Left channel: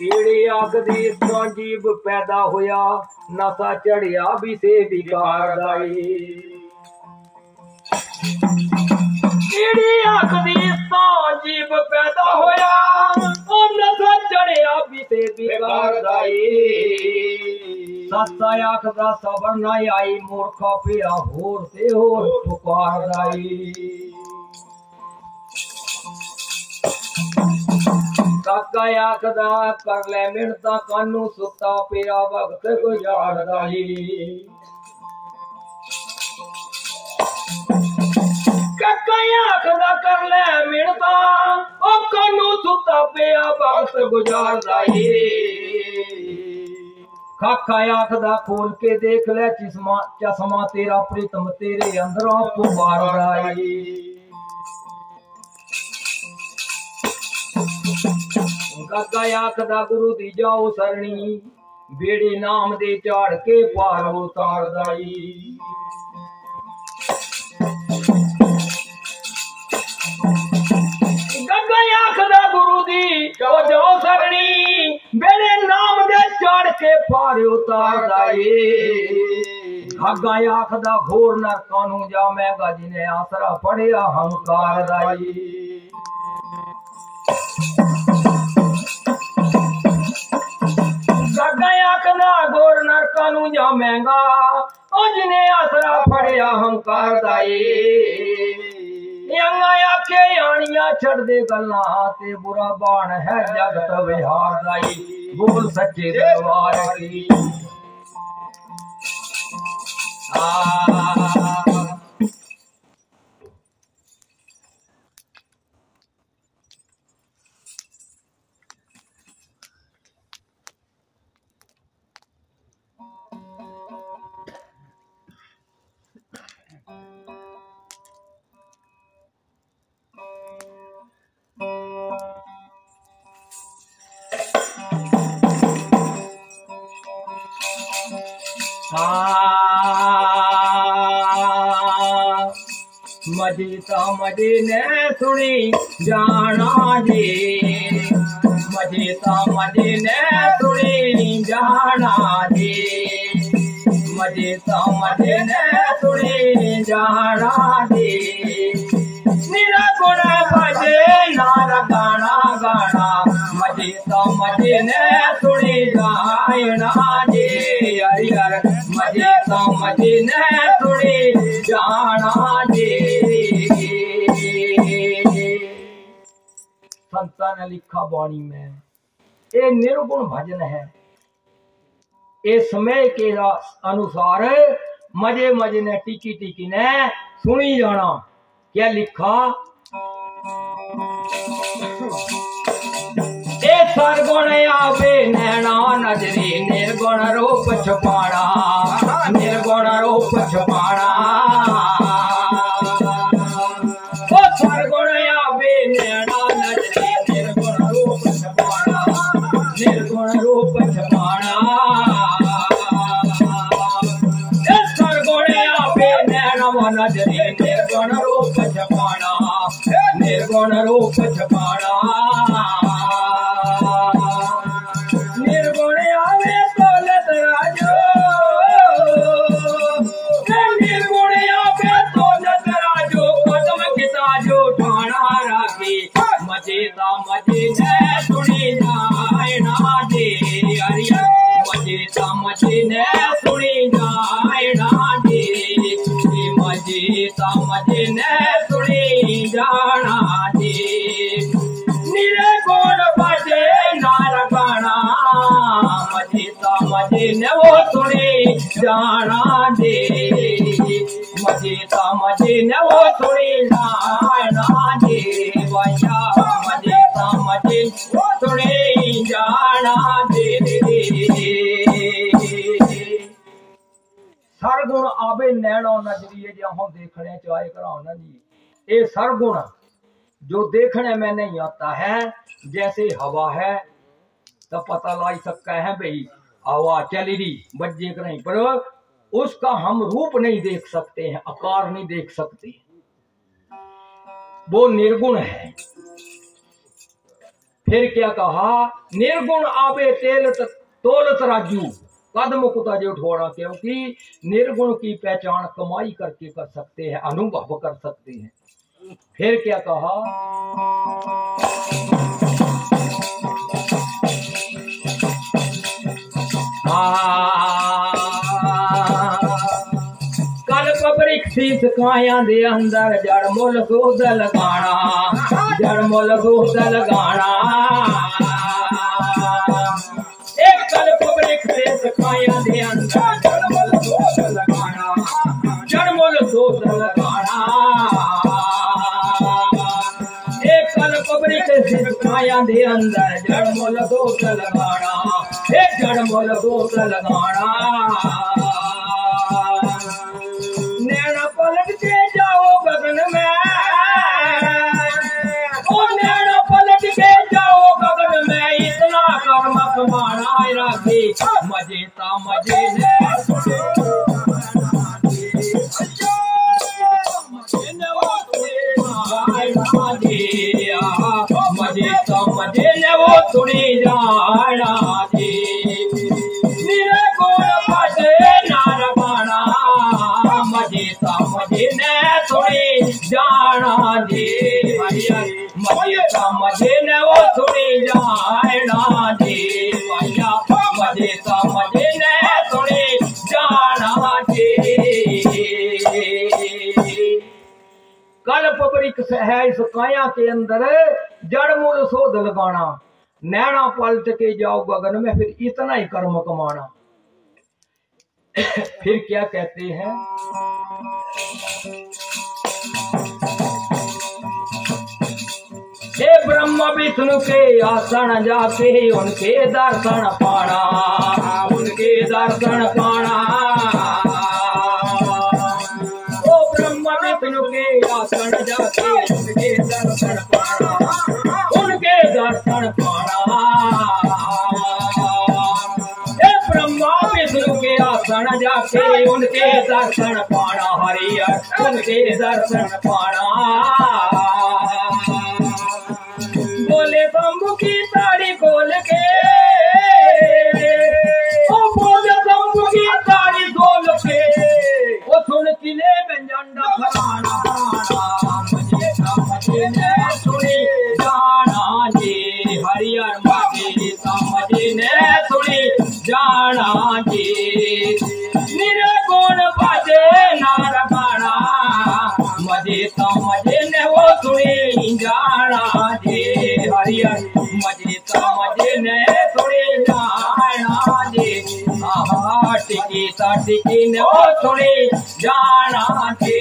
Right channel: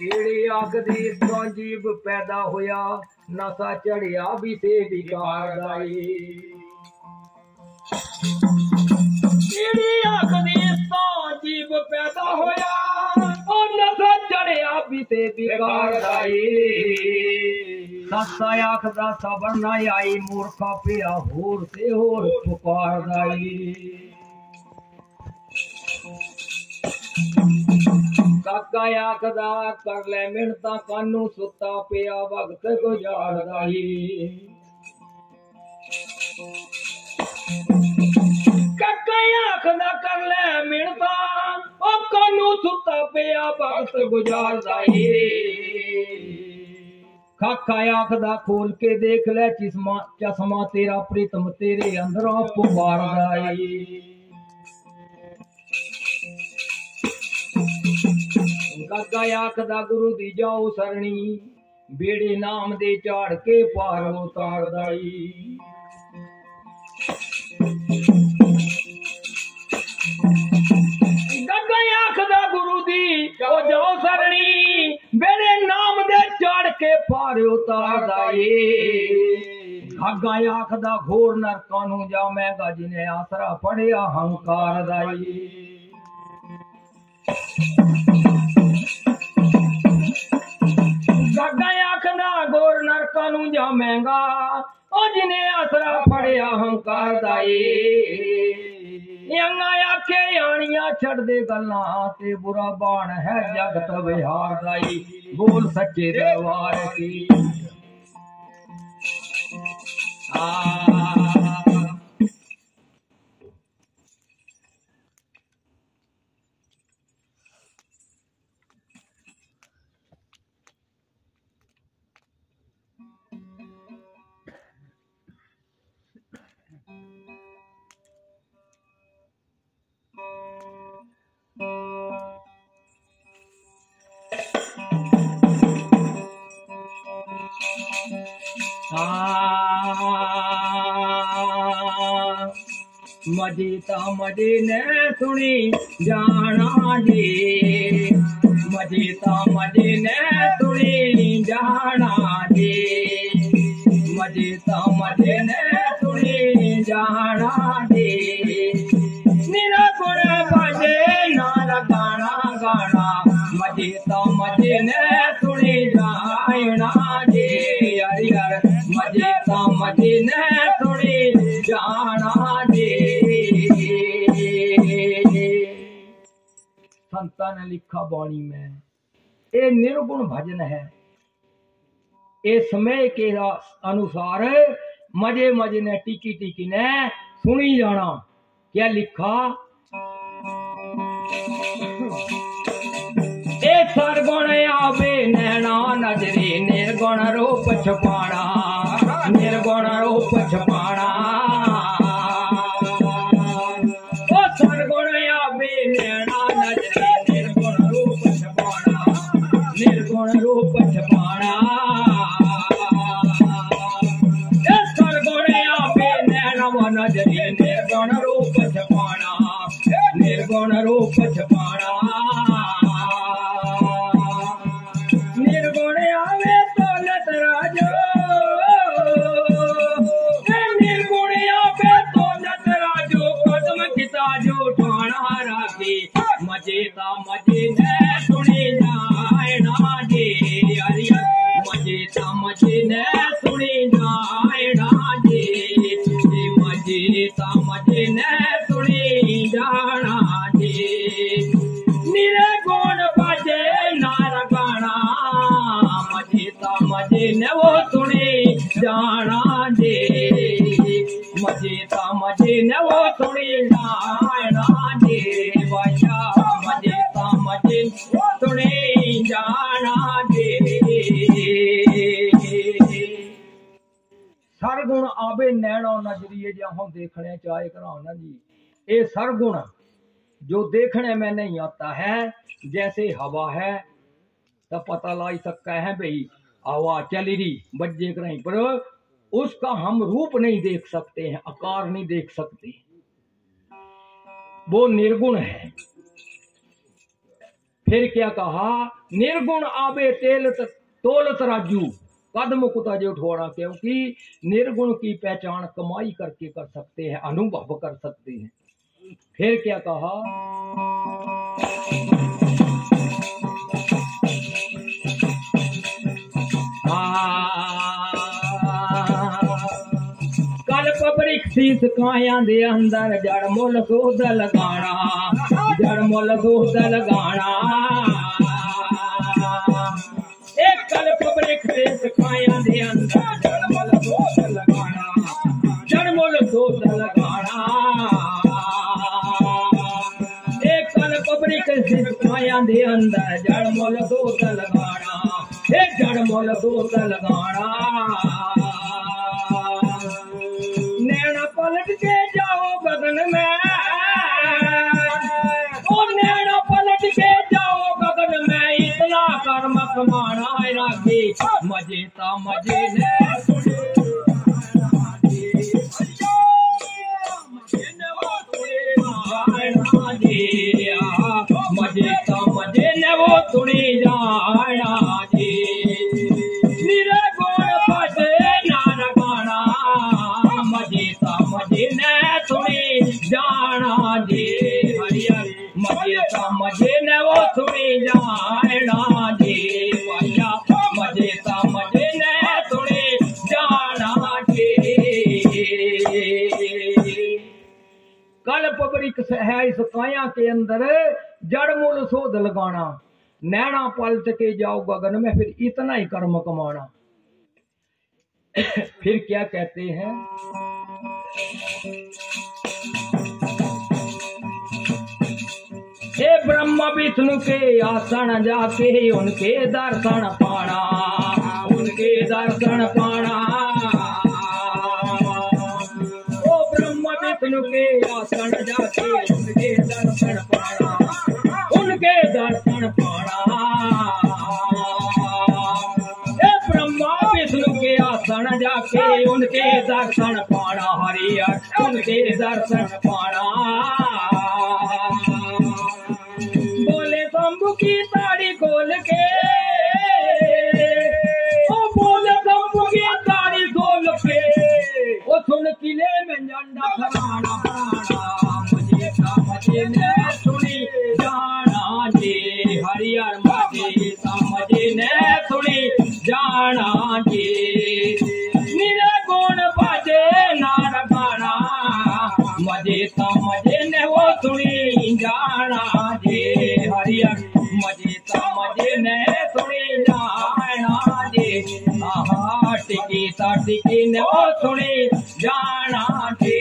कीड़ी आखदी इस जीव पैदा होया नशा चढ़िया भी से बिकार दाई कीड़ी आखदी इस जीव पैदा होया और नशा चढ़िया भी से बिकार दाई ससा आखदा सबर ना आई मूर्खा पिया होर से होर पुकार दाई काका आखदा कर ले मिनता कानू सुता पिया वक्त गुजारदा ही काका आखदा कर ले मिनता ओ कानू सुता पिया वक्त गुजारदा ही काका आखदा खोल के देख ले चश्मा तेरा प्रीतम तेरे अंदरों पुकारदा ही काका आखदा गुरु दी जाओ सरणी बेड़े नाम दे चाड़ के पार उतार दाई काका आखदा गुरु दी जाओ सरणी बेड़े नाम दे चाड़ के पार उतार दाई काका आखदा घोर नरकां नूं जावेगा जिन्हें आसरा पड़िया हंकार दाई आखदा गोर नरकां नूं जावेगा ओ जिन्हें आसरा फड़िया हंकार दाई यंगा आखे आनिया छड़ दे गल्लां ते बुरा बाण है जगत विहार दाई बोल सच्चे दरबार की मजीता मजी ने सुनी जाना जी मजीता मजी ने सुनी जाना जी मजीता मजी ने सुनी जाना जी मेरा गुण भजे नार गाना गाना मजीता मजी ने सुनी जाना जी यार मजीता मजी ने सुनी जाना जी संतां ने लिखा बाणी में ये निर्गुण भजन है ये समय के अनुसार मजे मजे ने टिकी टिकी ने सुनी जाना क्या लिखा ए सरगुण आवे नैना नजरी निर्गुण रूप छुपाना निर्गुण रूप छुपाना ओ सरगुण आवे नैना निर्गुण रूप छपाना सरगुण आवे नैनवा नजरी निर्गुण रूप छपाना निर्गुण रूप छपाना निर्गुण आवे तोलत राजो निर्गुण आवे तोलत राजो कदम किता जो ठाणा राखी मजेदा मजे ने सुनी जाना जी अरिया मजेदा मजे ने सुनी जाना जी मजेदा मजे ने सुनी जाना जी निर्गुण भजे नार गाना मजेदा मजे ने वो सुनी जाना जी मजेदा मजे ने वो सुनी जाना जी बाया मजेदा मजे सुनी जाना जी सरगुण आवे नैना नजरिए जो हम देखने चाहे कराना जी ये सरगुण जो देखने में नहीं आता है जैसे हवा है तो पता ला सकता है भाई हवा चली रही बज्जे कहीं पर उसका हम रूप नहीं देख सकते हैं आकार नहीं देख सकते वो निर्गुण है फिर क्या कहा, निर्गुण आवे तेल तोलत राजू, कदम कुता जो उठोड़ा, क्योंकि निर्गुण की पहचान कमाई करके कर सकते हैं, अनुभव कर सकते हैं। फिर क्या कहा, कल्प वृक्ष शीस काया दे अंदर, जड़ मुल गोद लगाना, जड़ मुल गोद लगाना। एक कल्प वृक्ष शीस काया दे अंदर, जड़ मुल गोद लगाना, जड़ मुल गोद लगाना। एक कल्प वृक्ष शीस काया दे अंदर, जड़ मुल गोद लगाना, जड़ मुल गोद लगाना। नैना पलट के जाओ गगन में, ओ नैना पलट के जाओ गगन में, इतना कर्म कमाना राखी, मजे ता मजे ने मजे ता मजे ने वो सुनी जाना जी। निरे गुण पाटे नार गाना, मजे ता मजे ने सुनी जाना जी। मजे ता मजे ने वो सुनी जाना जी। भैया मजे ता मजे ने सुनी जाना जी। कल्प वृक्ष है इस काया के अंदर, जड़ मूल शोध लगाना, नैना पलट के जाओ गगन में, फिर इतना ही कर्म कमाना। फिर क्या कहते हैं, हे ब्रह्मा विष्णु के आसन जाके उनके दर्शन पाना, उनके दर्शन पाना। ओ ब्रह्मा विष्णु के आसन जाके उनके दर्शन पाना, उनके दर्शन पाना। हे ब्रह्मा विष्णु के आसन जाके उनके दर्शन पाना, हरियर उनके दर्शन पाना। बोले शंभु की ताड़ी खोल के, ओ बोले शंभु की ताड़ी खोल के, ओ सुन किले में झंडा फहराना, मजे ता मजे ने सुनी जाना जी। हरियर मजे ता मजे ने सुनी जाना जी। निरे गुण बाजे नार गाना, मजे ता मजे ने वो सुनी जाना जी। हरियर मजे ता मजे ने सुनी जाना जी। आहा टिकी ता टिकी ने वो सुनी जाना जी।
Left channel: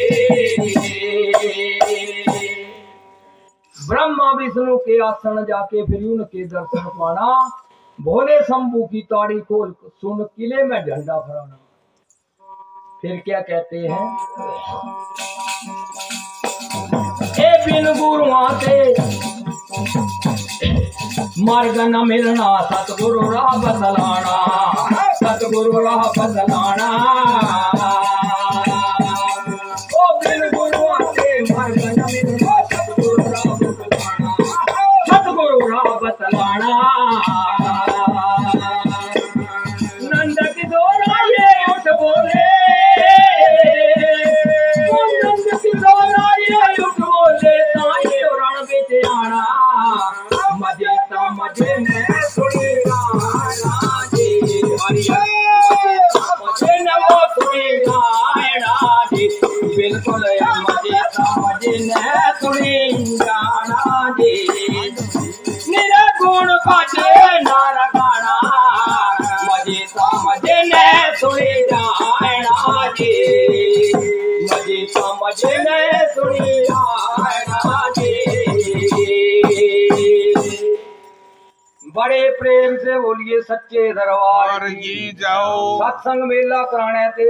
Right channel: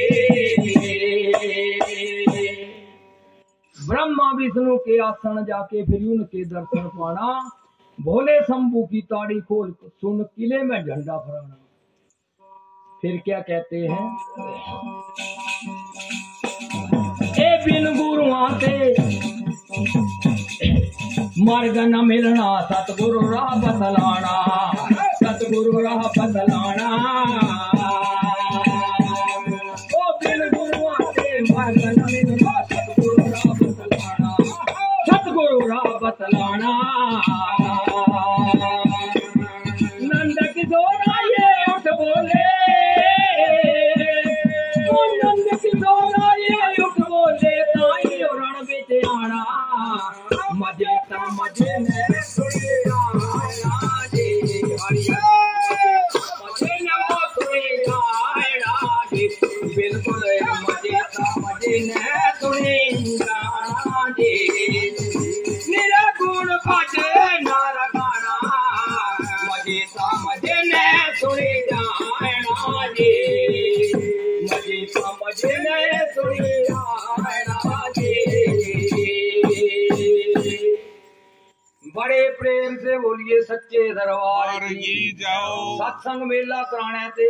ब्रह्मा विष्णु के आसन जाके फिर उनके दर्शन पाना, भोले शंभू की ताड़ी खोल सुन किले में झंडा फहराना। फिर क्या कहते हैं, ए बिन गुरुआ के मार्ग न मिलना, सतगुरु राह बदलाना, सतगुरु राह बदलाना। ओ बिन गुरुआ के मार्ग न मिलना, सतगुरु राह बदलाना, सतगुरु राह बदलाना। नंद किशोर आए उठ बोले, ओ नंद किशोर आए उठ बोले, ताई रण बेच आना, मजे ता मजे ने सुनी जाना जी। मजे ने वो सुनी जाना जी। बिल्कुल मजे ता मजे ने सुनी जाना जी। निरे गुण बाजे नार गाना, मजे ता मजे ने सुनी जाना जी। मजे ता मजे ने सुनी जाना जी। बड़े प्रेम से बोलिए सच्चे दरबार की जाओ। सत्संग मेला कराने ते